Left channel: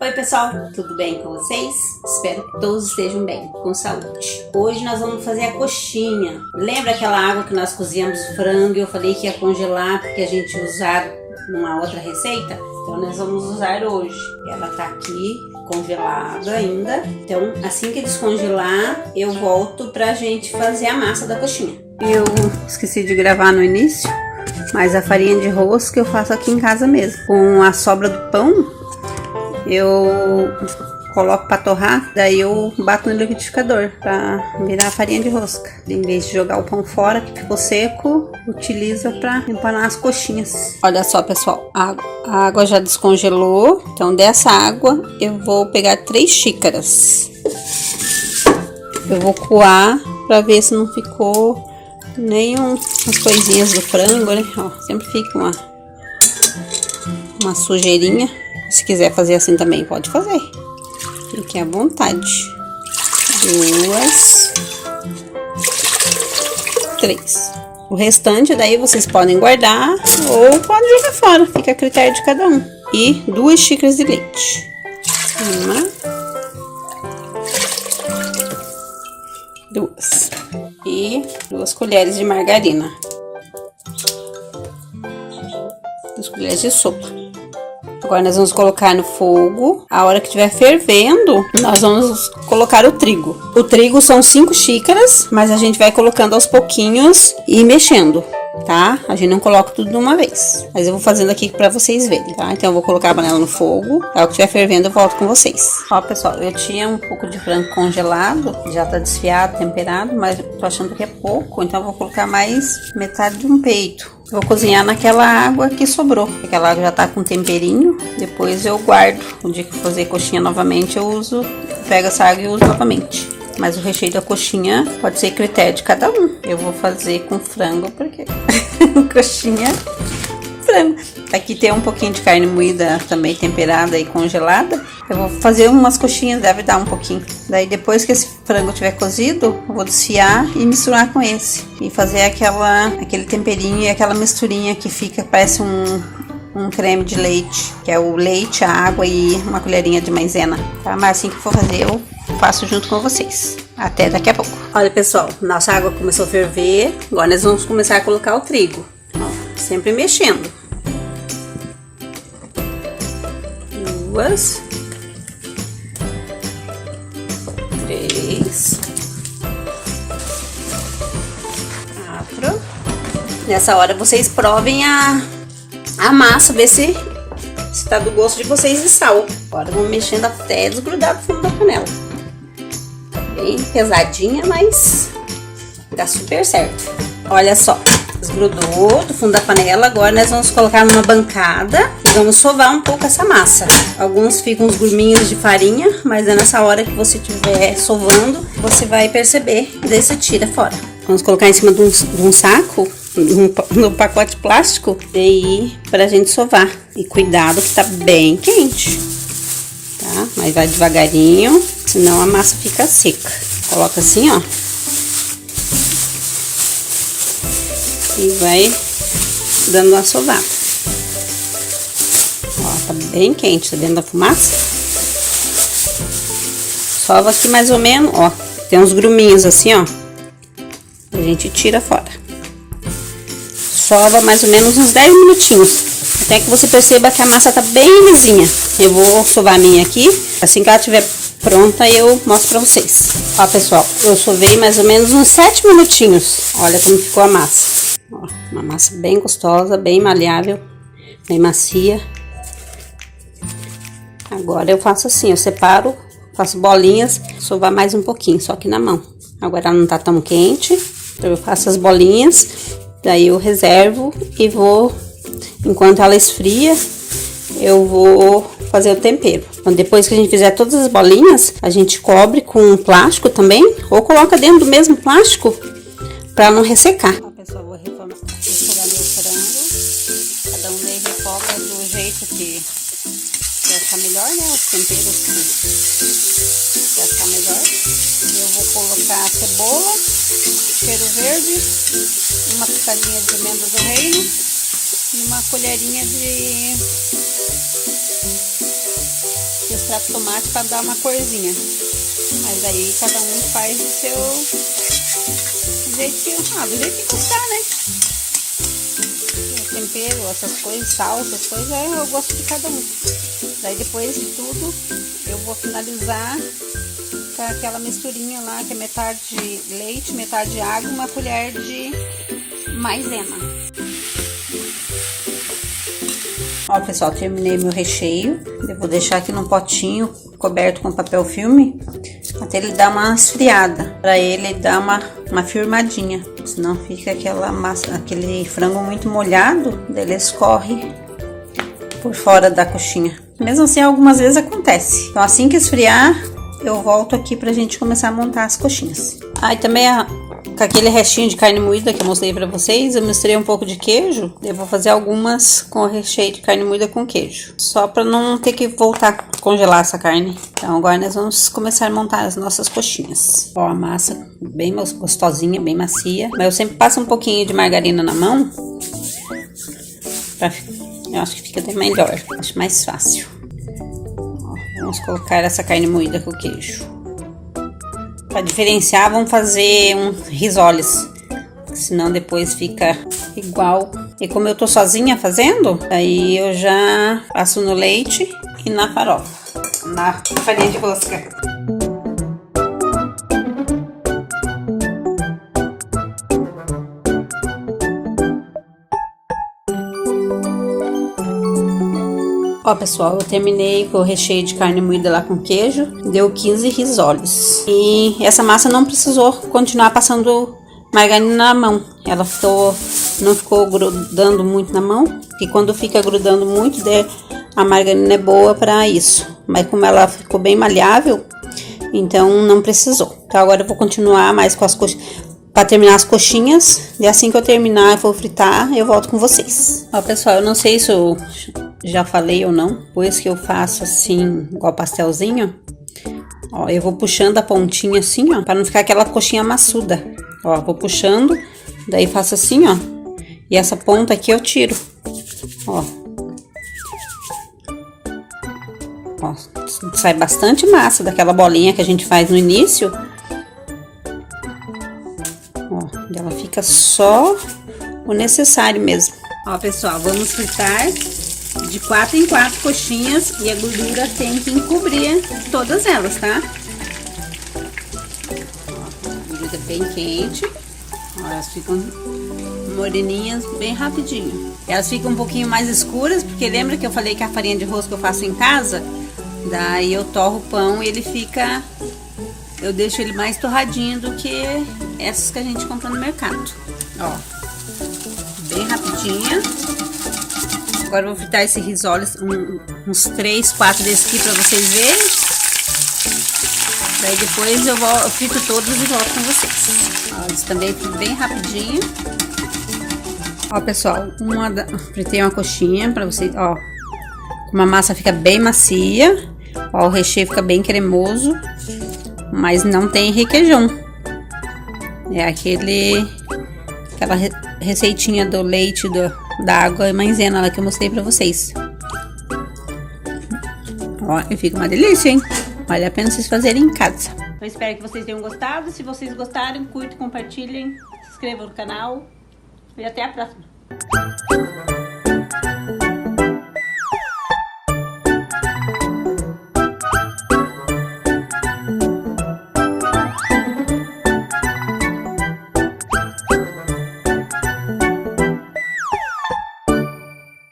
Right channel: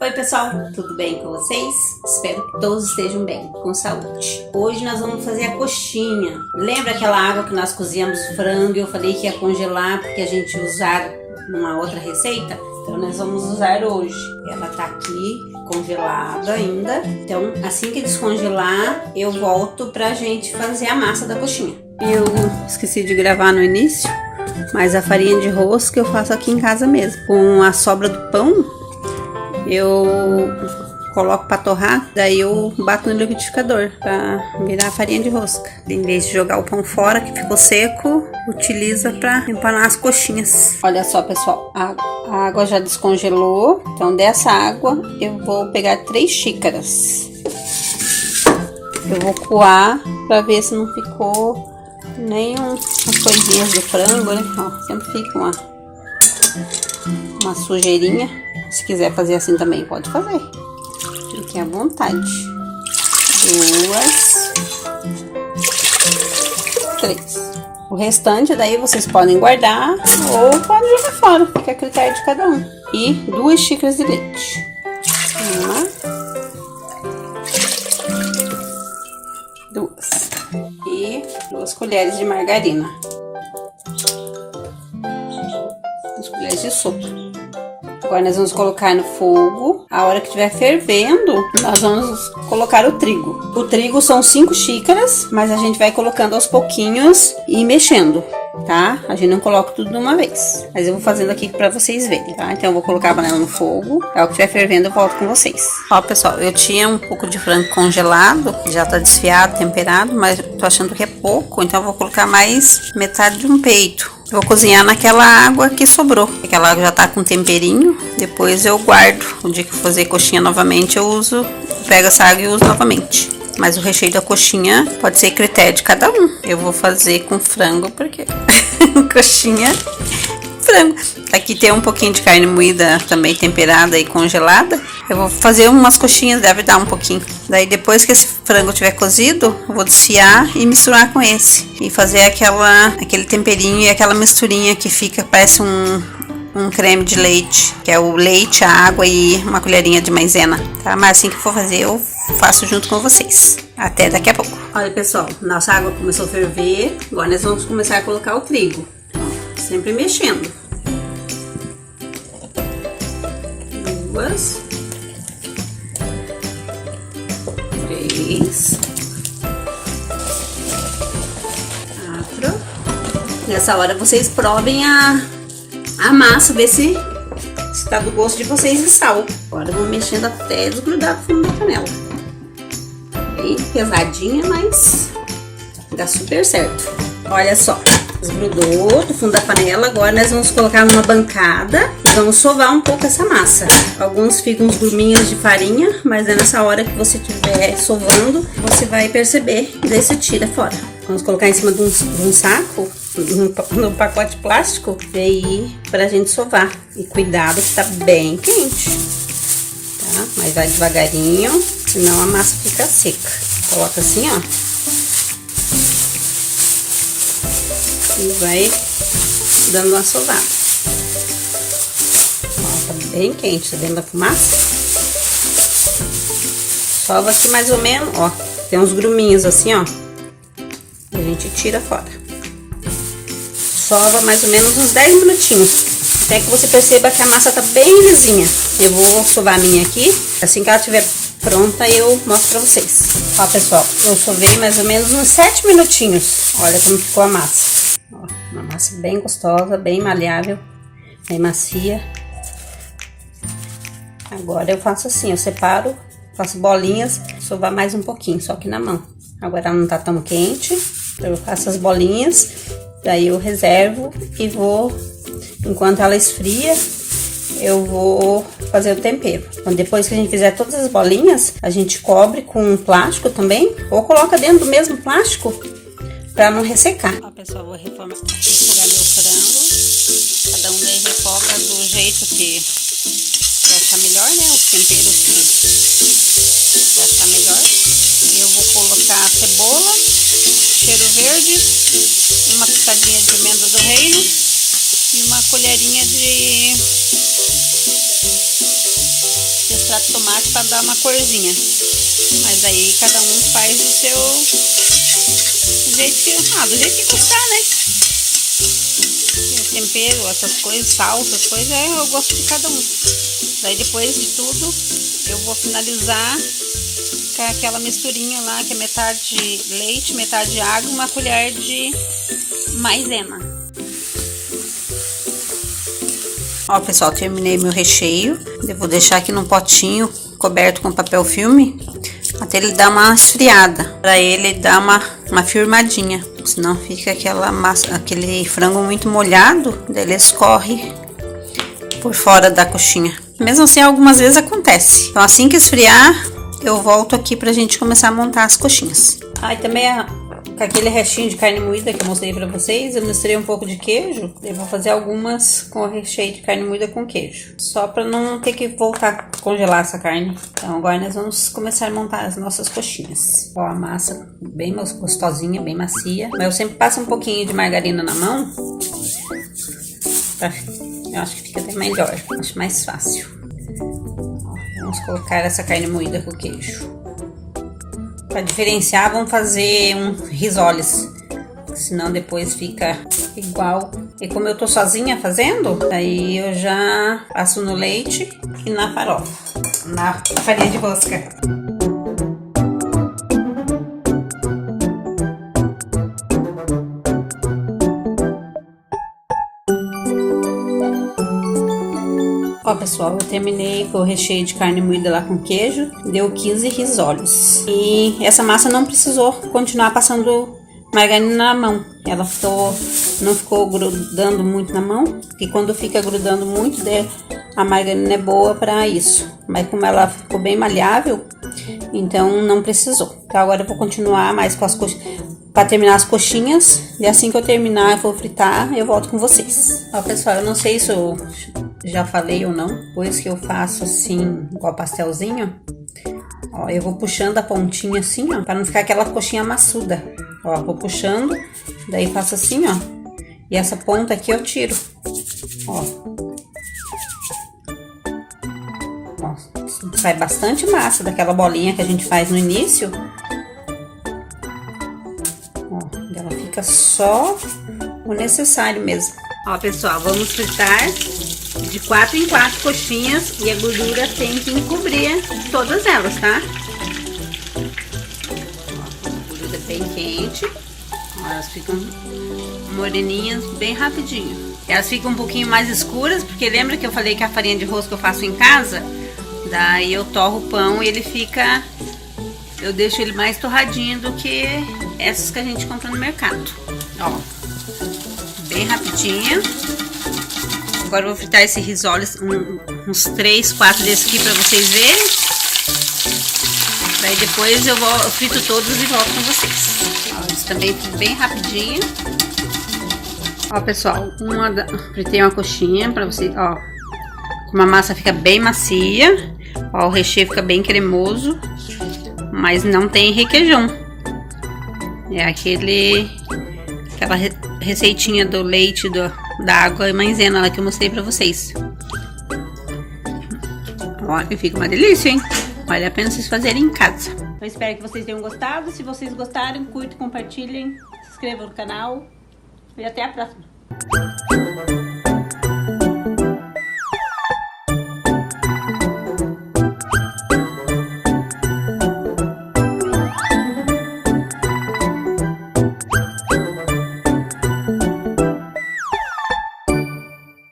Oi pessoal, tudo bem com vocês? Espero que todos estejam bem, com saúde. Hoje nós vamos fazer a coxinha. Lembra aquela água que nós cozíamos frango e eu falei que ia congelar porque a gente usar numa outra receita? Então nós vamos usar hoje. Ela tá aqui congelada ainda. Então assim que descongelar eu volto pra gente fazer a massa da coxinha. Eu esqueci de gravar no início, mas a farinha de rosca eu faço aqui em casa mesmo. Com a sobra do pão eu coloco para torrar, daí eu bato no liquidificador para virar a farinha de rosca. Em vez de jogar o pão fora que ficou seco, utiliza para empanar as coxinhas. Olha só pessoal, a água já descongelou, então dessa água eu vou pegar 3 xícaras. Eu vou coar para ver se não ficou nenhum as coisinhas do frango, né? Ó, sempre fica uma sujeirinha. Se quiser fazer assim também, pode fazer. Fique à vontade. 2, 3. O restante daí vocês podem guardar ou podem jogar fora. Fica a critério de cada um. E 2 xícaras de leite. 1, 2. E 2 colheres de margarina. 2 colheres de sopa. Agora nós vamos colocar no fogo. A hora que estiver fervendo, nós vamos colocar o trigo. O trigo são 5 xícaras, mas a gente vai colocando aos pouquinhos e mexendo, tá? A gente não coloca tudo de uma vez. Mas eu vou fazendo aqui pra vocês verem, tá? Então eu vou colocar a panela no fogo. A hora que estiver fervendo, eu volto com vocês. Ó, pessoal, eu tinha um pouco de frango congelado. Já tá desfiado, temperado, mas tô achando que é pouco. Então eu vou colocar mais metade de um peito. Vou cozinhar naquela água que sobrou. Aquela água já tá com temperinho. Depois eu guardo. O dia que eu fazer coxinha novamente, eu pego essa água e uso novamente. Mas o recheio da coxinha pode ser critério de cada um. Eu vou fazer com frango, porque coxinha, frango. Aqui tem um pouquinho de carne moída também temperada e congelada. Eu vou fazer umas coxinhas, deve dar um pouquinho. Daí depois que esse frango tiver cozido, eu vou desfiar e misturar com esse. E fazer aquele temperinho e aquela misturinha que fica, parece um creme de leite. Que é o leite, a água e uma colherinha de maisena, tá? Mas assim que eu for fazer, eu faço junto com vocês. Até daqui a pouco. Olha pessoal, nossa água começou a ferver. Agora nós vamos começar a colocar o trigo. Sempre mexendo. 2, 3, 4. Nessa hora vocês provem a massa, ver se tá do gosto de vocês de sal. Agora vamos mexendo até desgrudar do fundo da panela. Bem pesadinha, mas dá super certo. Olha só, desgrudou do fundo da panela. Agora nós vamos colocar numa bancada e vamos sovar um pouco essa massa. Alguns ficam uns gruminhos de farinha, mas é nessa hora que você estiver sovando, você vai perceber, daí você tira fora. Vamos colocar em cima de um saco, num pacote plástico, e aí pra gente sovar. E cuidado que tá bem quente, tá? Mas vai devagarinho, senão a massa fica seca. Coloca assim, ó. E vai dando uma sovada. Ó, tá bem quente, tá dentro da fumaça. Sova aqui mais ou menos, ó. Tem uns gruminhos assim, ó. A gente tira fora. Sova mais ou menos uns 10 minutinhos. Até que você perceba que a massa tá bem lisinha. Eu vou sovar a minha aqui. Assim que ela estiver pronta, eu mostro pra vocês. Ó, pessoal, eu sovei mais ou menos uns 7 minutinhos. Olha como ficou a massa. Ó, uma massa bem gostosa, bem maleável, bem macia. Agora eu faço assim, eu separo, faço bolinhas, sovar mais um pouquinho, só que na mão. Agora ela não tá tão quente, então eu faço as bolinhas, daí eu reservo e vou, enquanto ela esfria, eu vou fazer o tempero. Então depois que a gente fizer todas as bolinhas, a gente cobre com plástico também, ou coloca dentro do mesmo plástico, pra não ressecar. Ó, pessoal, vou refogar meu frango. Cada um daí refoga do jeito que achar melhor, né? Os temperos que achar melhor. Eu vou colocar a cebola, cheiro verde, uma pitadinha de pimenta do reino e uma colherinha de extrato de tomate para dar uma corzinha. Mas aí cada um faz do jeito que gostar, né? Tempero, essas coisas, sal, essas coisas, eu gosto de cada um. Daí depois de tudo, eu vou finalizar com aquela misturinha lá, que é metade leite, metade água, uma colher de maisena. Ó, pessoal, terminei meu recheio. Eu vou deixar aqui num potinho coberto com papel filme até ele dar uma esfriada, para ele dar uma firmadinha. Senão fica aquela massa, aquele frango muito molhado, daí ele escorre por fora da coxinha. Mesmo assim, algumas vezes acontece. Então, assim que esfriar, eu volto aqui pra gente começar a montar as coxinhas. Aí também com aquele restinho de carne moída que eu mostrei pra vocês, eu misturei um pouco de queijo. Eu vou fazer algumas com recheio de carne moída com queijo, só pra não ter que voltar a congelar essa carne. Então agora nós vamos começar a montar as nossas coxinhas. Ó, a massa bem gostosinha, bem macia. Mas eu sempre passo um pouquinho de margarina na mão, eu acho que fica até melhor, acho mais fácil. Ó, vamos colocar essa carne moída com queijo. Para diferenciar, vamos fazer um risoles, senão depois fica igual. E como eu tô sozinha fazendo, aí eu já passo no leite e na farofa, na farinha de rosca. Ó, pessoal, eu terminei com o recheio de carne moída lá com queijo, deu 15 risoles. E essa massa não precisou continuar passando margarina na mão. Ela não ficou grudando muito na mão, porque quando fica grudando muito, a margarina é boa para isso. Mas como ela ficou bem maleável, então não precisou. Então agora eu vou continuar mais com as coxinhas. Para terminar as coxinhas, e assim que eu terminar, eu vou fritar, eu volto com vocês. Ó, pessoal, eu não sei se eu já falei ou não, depois que eu faço assim, igual pastelzinho, ó, eu vou puxando a pontinha assim, ó, para não ficar aquela coxinha maçuda. Ó, vou puxando, daí faço assim, ó, e essa ponta aqui eu tiro, ó. Ó, sai bastante massa daquela bolinha que a gente faz no início. Ó, ela fica só o necessário mesmo. Ó, pessoal, vamos fritar de 4 em 4 coxinhas e a gordura tem que encobrir todas elas, tá? A gordura bem quente. Ó, elas ficam moreninhas bem rapidinho. Elas ficam um pouquinho mais escuras, porque lembra que eu falei que a farinha de rosca eu faço em casa? Daí eu torro o pão e ele fica... Eu deixo ele mais torradinho do que essas que a gente compra no mercado. Ó, bem rapidinha. Agora eu vou fritar esse risoles, uns 3, 4 desses aqui pra vocês verem. Daí depois eu frito todos e volto com vocês. Ó, isso também fica bem rapidinho. Ó, pessoal, fritei uma coxinha pra vocês, ó. Como a massa fica bem macia, ó, o recheio fica bem cremoso, mas não tem requeijão. É aquela receitinha do leite, da água e maisena lá que eu mostrei pra vocês. Ó, e fica uma delícia, hein? Vale a pena vocês fazerem em casa. Eu espero que vocês tenham gostado. Se vocês gostaram, curtam, compartilhem, se inscrevam no canal. E até a próxima.